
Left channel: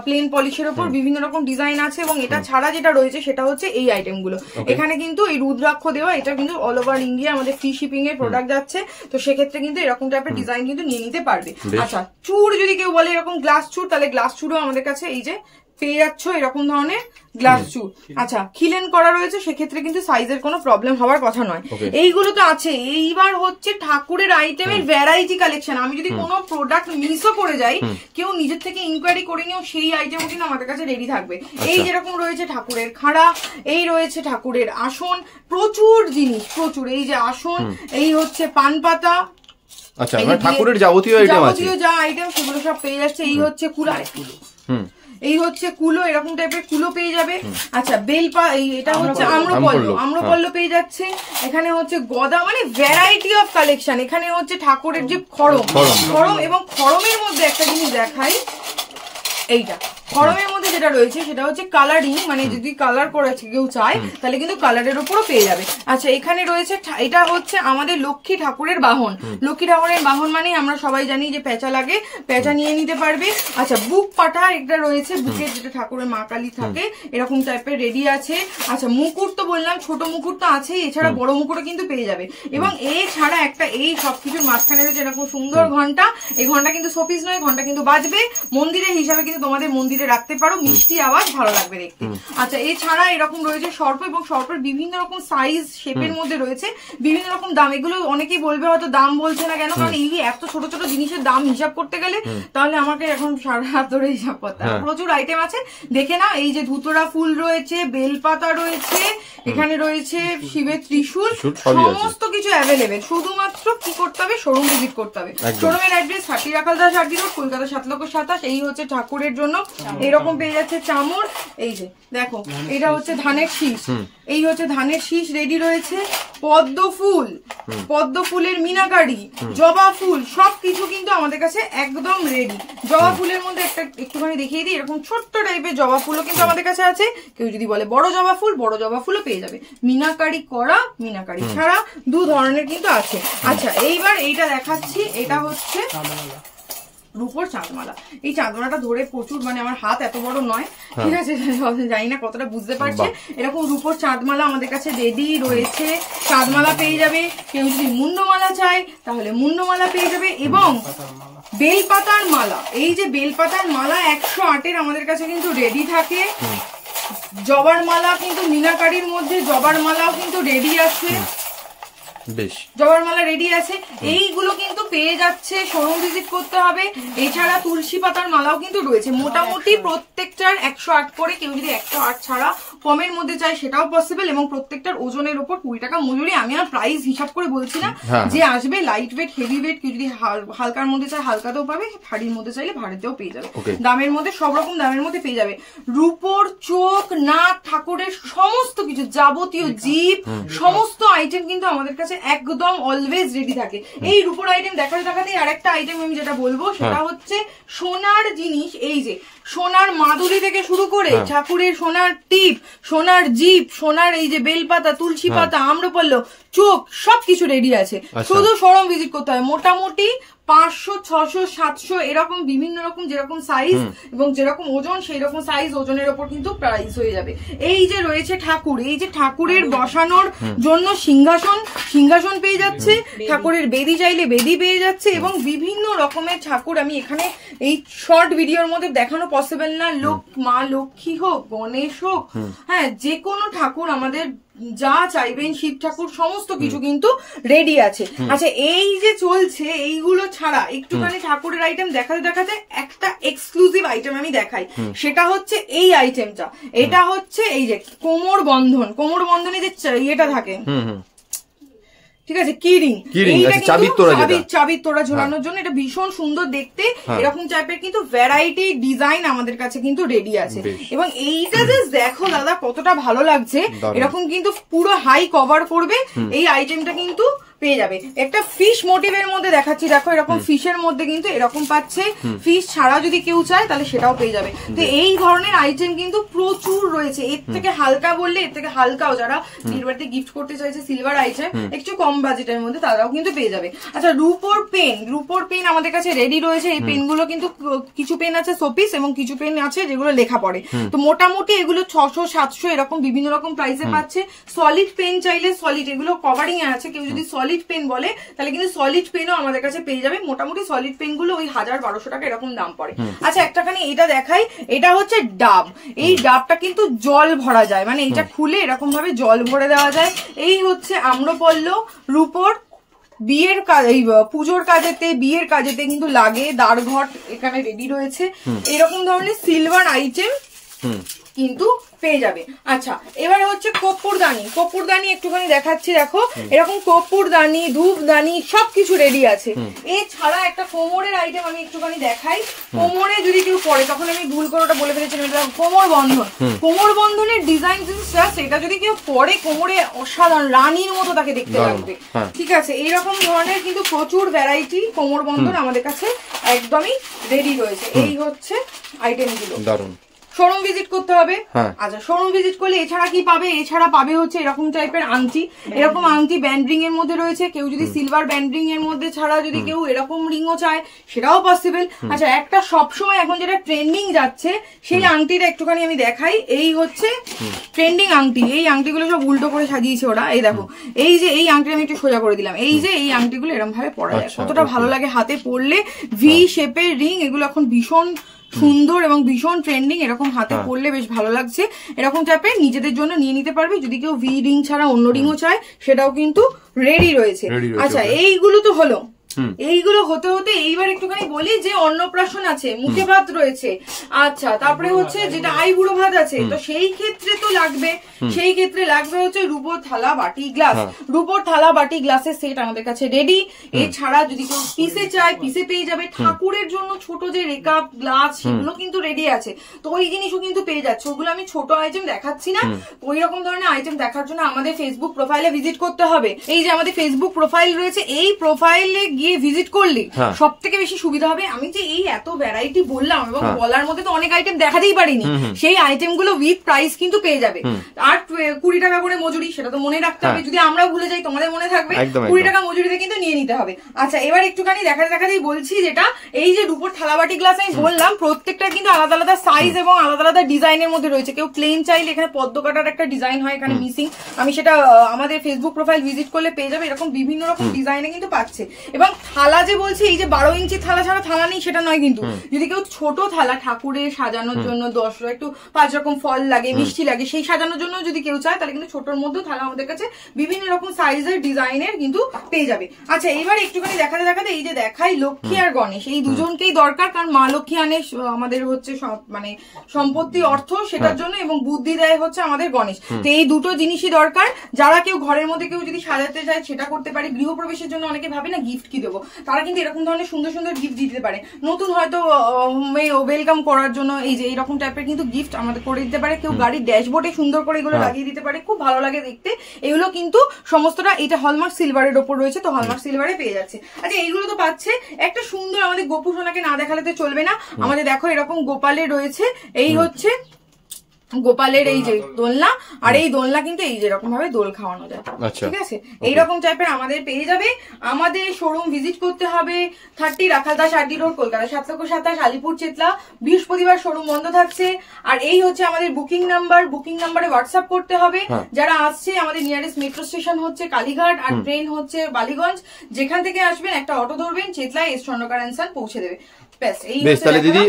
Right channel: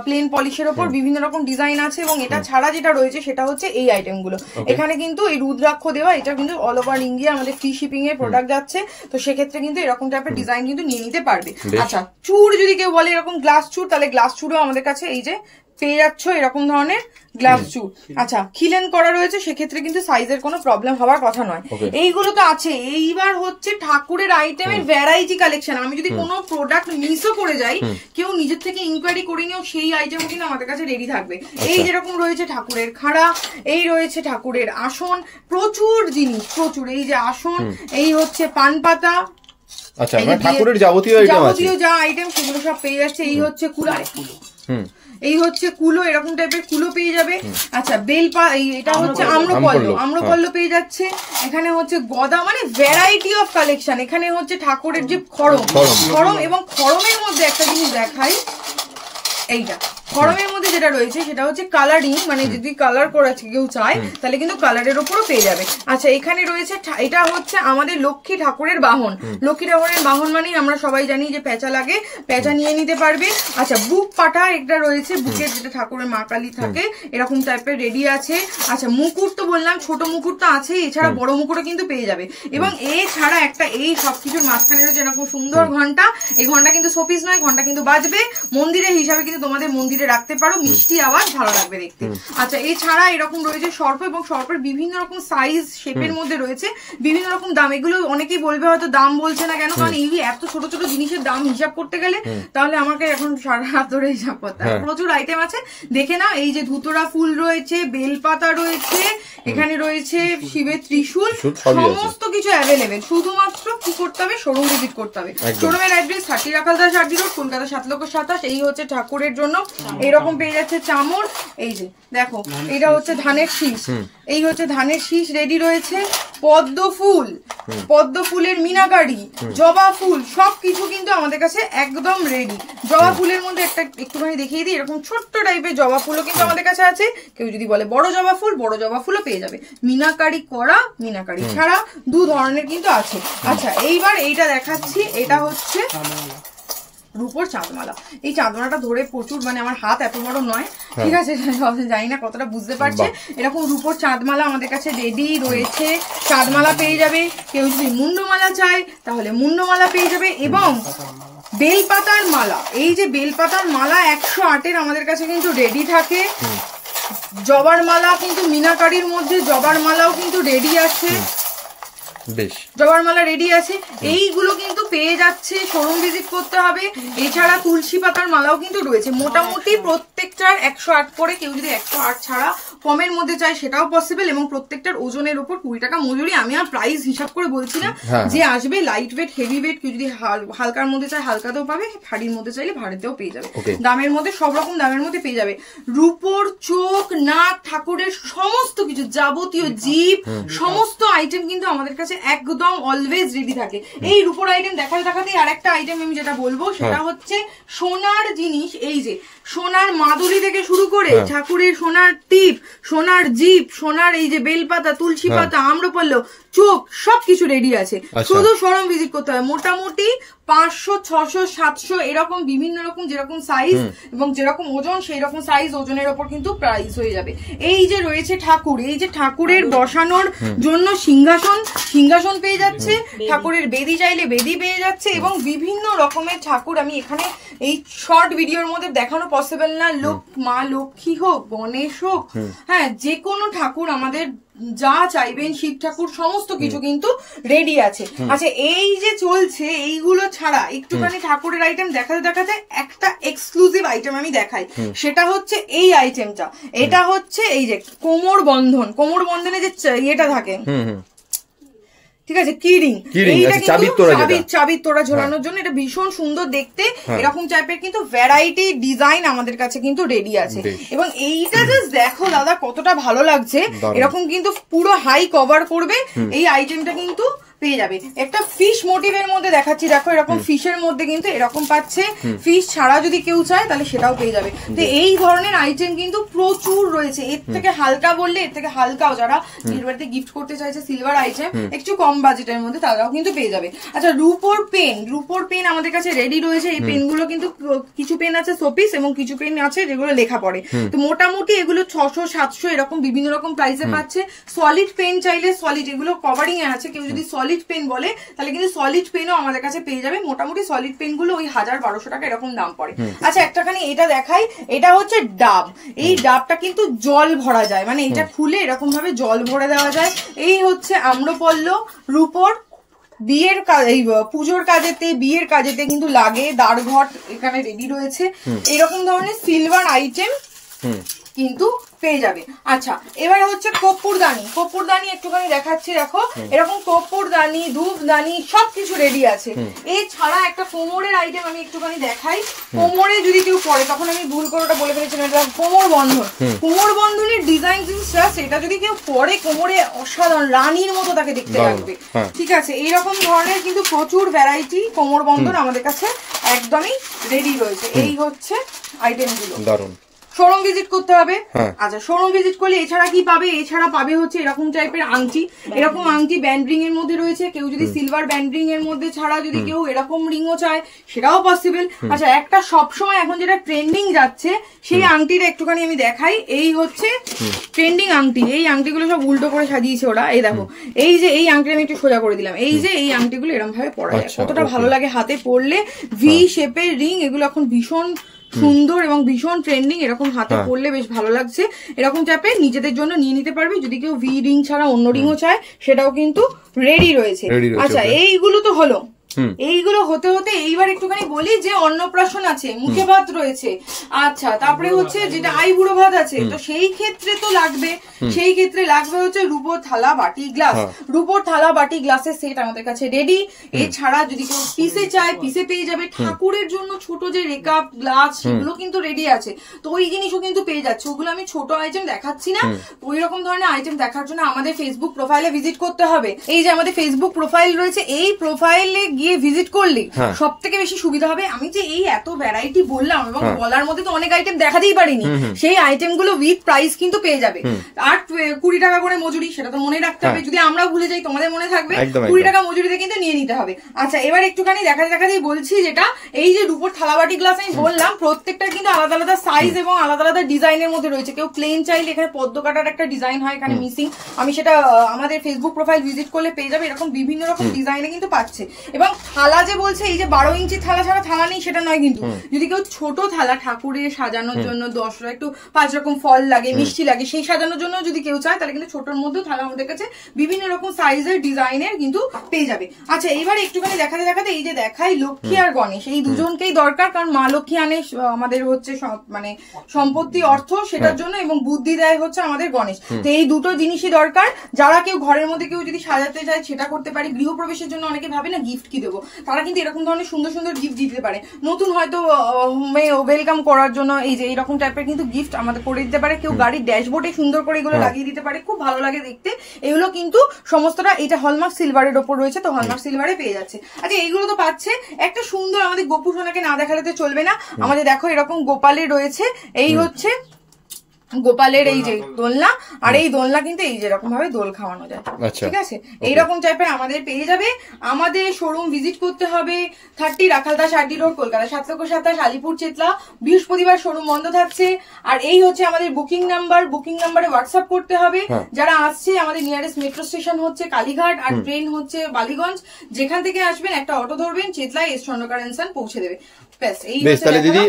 প্লেন পলিশের ওপর বিভিন্ন রকম ডিজাইন আছে, এবং এটা ছাড়া যেটা রয়েছে সেটা হচ্ছে এই আইটেম গুলো। এখানে কিন্তু এই রুদ্রাক্ষ দেওয়া, এটা কিন্তু অল ওভার ইন্ডিয়া আমাদের ফ্রি শিপিং এর প্রোডাক্ট যাচ্ছে, তো সেক্ষেত্রে কিন্তু এরকম টাইপের ডিজাইন কিন্তু নিয়ে নিতে পারবে। আচ্ছা, চুড় যদি কেউ বলে এরকম গ্লাস চুড়, তাহলে গ্লাস চুড়ও আমাদের কাছে এই যে পেয়ে যাচ্ছ, এরকম ধরনের গ্লাস চুড়। আচ্ছা, খিলেন করা রয়েছে, সেক্ষেত্রে কিন্তু সাইজের কোনো প্রবলেম হওয়ার কথা নয়। এইগুলো তো আছে। এইবার হচ্ছে ঠাকুরের আইটেমের ভ্যারাইটি কালেকশন। আমি যদি কোনো প্রোডাক্ট মিসও করে যাই, কেউ নিজের থেকে ইনকোয়ারি করে নিও, সেই আইটেমও কিন্তু আমাদের কাছে রেডি থাকবে। এই যেরকম রয়েছে ঠাকুরের খাড়া, এই রয়েছে ঠাকুরের আসন, প্রচুর জিনিস, প্রচুর। এই যে আসন, এই হচ্ছে পান পাতা, আচ্ছা, ঠাকুরের যাবতীয় যা আইটেম সেগুলো সব পেয়ে যাচ্ছে। এই হচ্ছে কুলো, এই হচ্ছে কুলো, এরকম টাইপের কুলো পেয়ে যাবে। আচ্ছা এটা হচ্ছে আম্রপল্ল পেয়ে যাচ্ছে। এখানে হচ্ছে গদা, মানে ভ্যারাইটি অফ কালেকশন। এখানে হচ্ছে ঠাকুরের যে খড়ম এবং খড়মের মধ্যে একটা জিনিস দেখাই, এইটা খড়মের মধ্যে যেটা রয়েছে সেটা হচ্ছে কালারিং, মানে যদি কালার করেছে কেউ চায় তাহলে কিন্তু কালারের উপরও পেয়ে যাবে। আচ্ছা এখানে রয়েছে, এটা হচ্ছে আমাদের লক্ষ্মী ঠাকুরের বাহন। লক্ষ্মী ঠাকুরের বাহন মানে আমরা সবাই জানি যে পেঁচা লাগে, পেঁচা নিয়ে নিতে পারবে। আচ্ছা বুক পাটা একটা রয়েছে, বুকের যেটা ঠাকুরের মা কালী থাকে এরকম টাইপের রেডি আছে। আচ্ছা মুকুট তো বললাম, ছোট মুকুট তো আছে, এছাড়া বড় মুকুটও কিন্তু পেয়ে যাবে। এবং এছাড়া একটা এই সবকিছুর মাঝখানে রয়েছে এরকম সুন্দর ঘন্টা। এই ঘন্টা কিন্তু শোপিস নয়, ঘন্টা কিন্তু বাজবে, মন্দিরের হিসাবে কিন্তু তোমাদের মন্দিরে রাখতে পারো, মিষ্টি আওয়াজ, ভালো লাগবে দেখতে। আচ্ছা এছাড়া এরকম রয়েছে সর্প, এবং সর্পের বিভিন্ন রকম সাইজ শেপের মধ্যে রয়েছে, বিভিন্ন রকম দাম। এগুলো অনেকেই বলবে হয়তো দাম বলছে না কেন, কারণ এই এত ছোট ছোট জিনিসের দাম হিসাব করতে গেলে তাহলে আমাকে এখন সারা হাত ধরে হিসাব করতে হবে। প্রচুর আইটেম আছে, দেখে না। এই যে ধুতরা ফুল রয়েছে, বেলপাতা রয়েছে, এখানে রয়েছে শিবের ত্রিশূল, সমস্ত কিছু অ্যাভেলেবেল। শুধুমাত্র কি করতে হবে, শোরুম ভিজিট করতে হবে। শোরুমের অ্যাড্রেস 30 রাখালদাস আড্ডি রোড, কলকাতা 7,27,000। এই হচ্ছে ঠাকুরের জন্য এরকম পেয়ে যাচ্ছে চামর। এই যে দেখো, এটা হচ্ছে ধানের শীষ, এই হচ্ছে ধানের শীষ রেডি রয়েছে। পদ্ম ফুলের মিনাকারি, জবা ফুল, সবকিছু কিন্তু আমাদের কাছে একদম রেডি। জবা ফুলের মধ্যে একটুখানি দেখিয়ে দিই, এরকম ছোট্ট টাইপের জবা ফুলও কিন্তু আমাদের কাছে আছে। কেউ যদি বলে বড় জবা ফুলও পেয়ে যাবে। মিনাকারি করা, মিনাকারি ছাড়া, দু ধরনের কিন্তু আছে। আচ্ছা এইবার এইটা দেখাচ্ছি, এটা হচ্ছে রূপোর চাঁদমালা। এই চাঁদমালাটা ধরে প্রচুর, মানে আমার হাত এত বড় নয়, ঠিক আছে, জানি না কতটা বুঝতে পারছে। এরকম রূপোর চাঁদমালা আমাদের কাছে রেডি রয়েছে। চাঁদমালা পেয়ে যাবে, কেউ যদি মুন্ডমালা চায় তাহলে মুন্ডমালা পেয়ে যাবে। এবং বেলপাতার মালা, এই যে বেলপাতার মালা 108-এর আমাদের কাছে কিন্তু রেডি থাকে। জবার মালা কিন্তু মিনাকারির মধ্যে জবার মালাও কিন্তু রেডি আছে, জবার মালা রেডি আছে। এইগুলো কিন্তু পেয়ে যাচ্ছে, শোরুম ভিজিট করতে হবে। এছাড়া তুলসী পাতার মালাও কিন্তু রয়েছে। মোটামুটি প্রত্যেকটার 108 করে, কেউ যদি 108 ছাড়া কমের মধ্যে চায় সেটাও পসিবল। এবং প্রত্যেকটার ওজনের উপর 20 টাকা মজুরি। আমি আর প্রাইস হিসাব করে বলছি না, যে আসবে লাইট ওয়েট, হেভি ওয়েট, কেউ যদি হালকার মধ্যে চায় হালকাতেও পাবে, ভারীর মধ্যে চাইলে ভারীতেও পেয়ে যাবে। দামের মধ্যে সব রকম দামের মধ্যে পেয়ে যাবে। রূপোর চোখ, নাক, ঠাকুরের সমস্ত কিছু, যাবতীয় জীব, সমস্ত আইটেম কিন্তু আমাদের কাছে একদম অলওয়েজ রেডি থাকে। এই রূপোর আইটেম দেখাতেই আরেকটা আইটেম আমি যেটা বলবো সেটা হচ্ছে সোনার জিনিস। এই যে সোনার মাদুলি থেকে শুরু করে ঠাকুরের সোনার টিপ, সোনার জিপ, সোনার এই যে বেলপাতা, তুলসী পাতা, আম্রপল্ল, চোখ, সবকিছু রেডি আছে। শুধু শোরুম ভিজিট করতে হবে। মোটামুটি 500, 600, 700 এরকম বিভিন্ন রকম যেরকম সাইজ এবং যেরকম ওজন সেই রকম সাইজ ওজনের ওপর কিন্তু প্রাইস হয়ে যাবে। এই যে রয়েছে ঠাকুর, এই যে ঠাকুরের বসানোর জন্য সিংহাসন পেয়ে যাচ্ছে, ঠাকুরের বেদি চাইলে বেদি পেয়ে যাচ্ছে, এবং বিভিন্ন রকমের ঠাকুর। আমি এখানে এই শর্ট ভিডিওর মধ্যে দেখানো পসিবল না। মা লক্ষ্মী হোক, গণেশ হোক, হ্যাঁ, যে কোনো ঠাকুর আমাদের যা চাইবেন, শিব ঠাকুর, সমস্ত কিছু কিন্তু রেডি আছে। আচ্ছা এই যে চলছে, এইগুলো ছাড়া একটুখানি ঠাকুরের আইটেম দেখাতে একটা এক্সক্লুসিভ আইটেম আমি দেখাই। সেটা হচ্ছে এই আইটেমটা। এটা হচ্ছে এই যে কোমর বন্ধনে যে ইয়েটা থাকে, ঠিক আছে, কিরিং, চাবির তোড়া ঝোলানোর জন্য। এটা ভীষণ সুন্দর দেখতে, এরকম টাইপের কিন্তু ভ্যারাইটি ডিজাইন আমাদের কাছে কিন্তু রেডি আছে। এবং এইটা জাস্ট দেখো দাদা কতটা ভালো লাগছে। এরকম কিন্তু পুরো হাই কভার করবে এই আইটেমটা কিন্তু পেয়ে যাবে। একটা ফিশ মোটিভের মধ্যে দেখাচ্ছি, দেখো এরকম ফিশের মধ্যে কিন্তু এরকম পাচ্ছে। ফিশ ছাড়া যদি কেউ চায় তাহলে সেটাও পেয়ে যাবে। তো এই ধরনের আইটেম কিন্তু প্রচুর রয়েছে। এর থেকে হালকা বললে এর থেকে হালকাও, যারা বিয়ের বাড়িতে গিফট করতে চাইছে সিলভার আইটেম একটু কম বাজেটের মধ্যে, তারাও কিন্তু পেয়ে যাবে। আচ্ছা রূপোর পেন আমাদের কাছে রেডি রয়েছে। এই পেনগুলো কিন্তু কিছু পেন আছে শোপিস এবং কিছু পেন আছে যেগুলো লেখা পড়ে। তো মোটামুটি এগুলো 600, 700 এরকম বিভিন্ন রকম প্রাইসে পাচ্ছে। সলিড পেন চাইলে সলিড, এগুলো কভারিং এ আছে, কেউ যদি সলিড পেন বলে তাহলে কিন্তু সলিড পেনও আমাদের কাছে পেয়ে যাবে। মোটামুটি সলিড পেন গুলো ওই 1000-1200 টাকা এরকম দাম পড়ে। আচ্ছা একটাখানি এটা দেখাই, এটা হচ্ছে ডাব। এই ডাবটা কিন্তু জল ভরা যায়, মানে এটা খুলে এরকম ভাবে জল ভরে দেওয়া যায়। এই হচ্ছে আম্রপল্ল, রূপোর বিয়ের কাজ, এই পুজোর কাজেতে, বিয়ের কাজেতে কিন্তু লাগে। দ্বারঘট এখানে রেডি রয়েছে। এরকম ধরনের সিলভার আইটেম কিন্তু পেয়ে যাবে। আচ্ছা, এবারে হচ্ছে কর্পূরদানি। কর্পূরদানি একটুখানি দেখাচ্ছি, দেখো এরকম কর্পূরদানি, ধূপদানি সবকিছু রেডি আছে। এছাড়া একটা কোমরের আইটেম আমি একটুখানি দেখাই। কোমরে যদি কেউ পরে, তখন আমি ভুল করে ওটা বলে ফেলেছিলাম, এটা কোমর বন্ধন। কোমর বন্ধনের ডিজাইন সেটা যদি কেউ পরে কোমরে অসাধারণ রানীর মতো তাকে দেখতে লাগবে। ঠিক আছে, এইরকম ধরনের কিন্তু প্রচুর ভ্যারাইটি কোমর বন্ধন আমাদের কাছে একদমই রেডি রয়েছে। এই হচ্ছে আইটেমগুলো। দারুণ। শোরুম ভিজিট করতে হবে। আচ্ছা, শোরুম ভিজিট করলে এছাড়া কি পাবে? এছাড়া পাবে হচ্ছে এরকম টাইপের আংটি। এরকম আংটি ব্যান্ড রিং এর মধ্যে রয়েছে। কেউ যদি সিলভার ব্যান্ড রিং এর মধ্যে ছাড়া যদি কেউ এরকম রিংও চায় সেটাও পসিবল। আচ্ছা, একটা সবসময় এখন যেটা ট্রেন্ডিং যাচ্ছে সেই আংটিটা একটুখানি আমি দেখাই। এই হচ্ছে ট্রেন্ডিং আংটি। এই আংটিগুলো সব উল্টো করে সাজিয়েছে ওরা। এই দেখো, এই যে এই আংটিটা আমি একটু সোজা করে দিলাম। এই যে এই আংটিগুলো এরকম ভাবে পরা যায়, কতটা ভালো লাগে হাতে পরলে। ভি শেপের রিং, এগুলো এখন ভীষণ সুন্দর এবং ভীষণ ট্রেন্ডিং। এরকম হাতে পরলে বেশ ভালো লাগছে। এরকম টাইপের নিজেদের জন্য নিয়ে নিতে পারবে। যদি কেউ ভি রিং ছাড়া অন্য রিংও চায় সেটাও কিন্তু রেডি রয়েছে। আচ্ছা, এইগুলো তো হলো। এইগুলো হতে হতে এইবার একটুখানি বলি যে অন্নপ্রাশন আছে, মুখে ভাত রয়েছে। আচ্ছা, তারপরে হচ্ছে যেটা আইবুড়ো ভাত আছে, তো সেই ক্ষেত্রে তো লাগবে, সেই ক্ষেত্রে লাগবে হচ্ছে রূপোর থালা, বাটি, গ্লাস। রূপোর থালা, বাটি, গ্লাসের সেট আমাদের কাছে রেডি। এছাড়া যদি কেউ পিসে চায়, পিসে পেয়ে যাবে। ঠাকুরের জন্য ছোট যে রেকাপ, গ্লাস, সেগুলো কিন্তু রেডি আছে। তো ওই জিনিসও কিন্তু পেয়ে যাচ্ছে। ওগুলো আমি ছোট আইটেম দেখাচ্ছি না। ওই রকম ধরনের আইটেম দেখার জন্য আমাদের ফেসবুক প্রোফাইলে ভিজিট করতে হবে। এই যে আমাদের ফেসবুক প্রোফাইল রয়েছে, এই প্রোফাইলে গিয়ে ভিজিট করলে সব থেকে বেশি সুবিধা হবে। আমি যে এই এত ভ্যারাইটি বললাম এবং বলার মধ্যে তো অনেক আইটেম দেখাতেই পারিনি, সেই আইটেম গুলো উইথ প্রাইস কিন্তু পেয়ে যাবে। আর 20 টাকা করে মজুরি, সেটা তো মনে রাখতে হবে। যদি আমরা ভুলে যাই তোমাদের মনে থাকবে 20 টাকা মজুরিতে কিন্তু নিয়ে নিতে হবে। আচ্ছা, এবার একটুখানি দেখাতেই বলছি, যেটা এই যে রূপোর থালাবাটি গ্লাস আমি বললাম, প্রত্যেকটা কিন্তু আলাদা আলাদা সাইজ এবং আলাদা আলাদা ডিজাইনের মধ্যে রয়েছে। কেউ প্লেন চাইলে এখানে পদ্ম কাটার একটা ডিজাইন হয় এখানে মিসিং, আমি সেটা আমাদের ফেসবুক প্রোফাইল ভিজিট করলে পেয়ে যাবে। এরকম বিভিন্ন রকম ডিজাইনে কিন্তু পাচ্ছে। এবং থালা যে বলছে, এই যে 12 ইঞ্চি থালা ছাড়া থালা নেই সেটা নয় কিন্তু। যদি কেউ ছোট থালা ঠাকুরের সাজানোর জন্য 10 একটু 5 রকম ফল লাগে, মিষ্টি লাগে, সেই সাজানোর জন্য যদি কেউ চায় তাহলে কিন্তু ছোটর মধ্যেও থালা আমাদের কাছে বিভিন্ন রকম সাইজের ডিজাইনের কিন্তু পেয়ে যাবে। আচ্ছা, এইবার একটুখানি দেখাতে এই যে দেখাই লক্ষ্মী আর গণেশ, এই দুজনকেই দরকার। কারণ মা লক্ষ্মী আনে আমাদের হচ্ছে মানে সম্পত্তি, অর্থ, সেটার জন্য, এবং বুদ্ধি দেয় হচ্ছে আমাদের গণেশ। তো এই দুটো জিনিসই দরকার। যারা কেউ ঘরের মধ্যে কেউ যদি সাজাতে চায় সেটা করতে পারে। গৃহপ্রবেশের জন্য অনেকে ভাবে না গিফট কি দেবো, তারা কিন্তু এরকম ধরনের সুন্দর সুন্দর গিফট দিতে পারে। নতুন হয়তো ওয়েলকাম করার জন্য এই যে এইরকম টাইপের কিন্তু গিফট আমাদের করে দিতে পারে। কেউ গাড়ির ড্যাশবোর্ডে সুন্দর করে এগুলো লাগিয়ে দিতে পারে, খুব ভালো লাগে দেখতে। এগুলো কিন্তু সমস্তটা এটা হলমার্ক সিলভারের ওপর রয়েছে, তো হলমার্ক সিলভারে পেয়ে যাচ্ছে। আচ্ছা, এইগুলো তো পাচ্ছে। একটা সুন্দর আমাদের গোপু সোনাকে না দেখালে তো চলবে না। আমাদের দেখো এরকম গোপালের রয়েছে, এই হচ্ছে গোপালের এই যে দোলনা। আর এই দোলনা কিন্তু এই যেরকম ভাবে দোল খাওয়ানো যায়, ঠিক আছে, এইরকম টাইপের আমাদের পেয়ে যাবে। আমাদের শোরুম ভিজিট করতে হবে 30 রাখালদাস আরডি রোড, কলকাতা 727, আলিপুর চেতলা। বৃহস্পতিবার শোরুম বন্ধ থাকছে। আর এই হচ্ছে আমাদের বুকিং নাম্বার, বুকিং নাম্বারে হোয়াটসঅ্যাপ করতে হবে। যারা আসছে, আমাদের নিয়ারেস্ট মেট্রো স্টেশন হচ্ছে কালীঘাট আর ট্রেন হচ্ছে বালিগঞ্জ। যেখান থেকে আসবেন একটা অটো ধরবেন, চেতলায় এস স্বর্ণকার এন্ড সন পৌঁছে দেবে। বেশ, তাহলে দিদি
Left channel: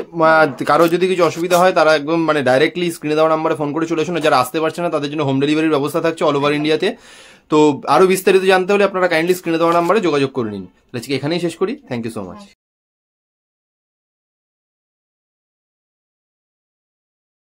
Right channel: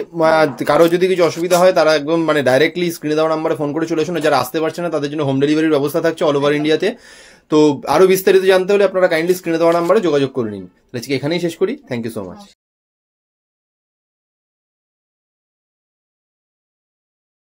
কারো যদি কিছু অসুবিধা হয় তারা একদম মানে ডাইরেক্টলি স্ক্রিনে দেওয়া নাম্বারে ফোন করে চলে আসুন। যারা আসতে পারছে না তাদের জন্য হোম ডেলিভারির ব্যবস্থা থাকছে অল ওভার ইন্ডিয়াতে। তো আরো বিস্তারিত জানতে হলে আপনারা কাইন্ডলি স্ক্রিনে দেওয়া নাম্বারে যোগাযোগ করে নিন। আজকে এখানেই শেষ করি। Thank you so much.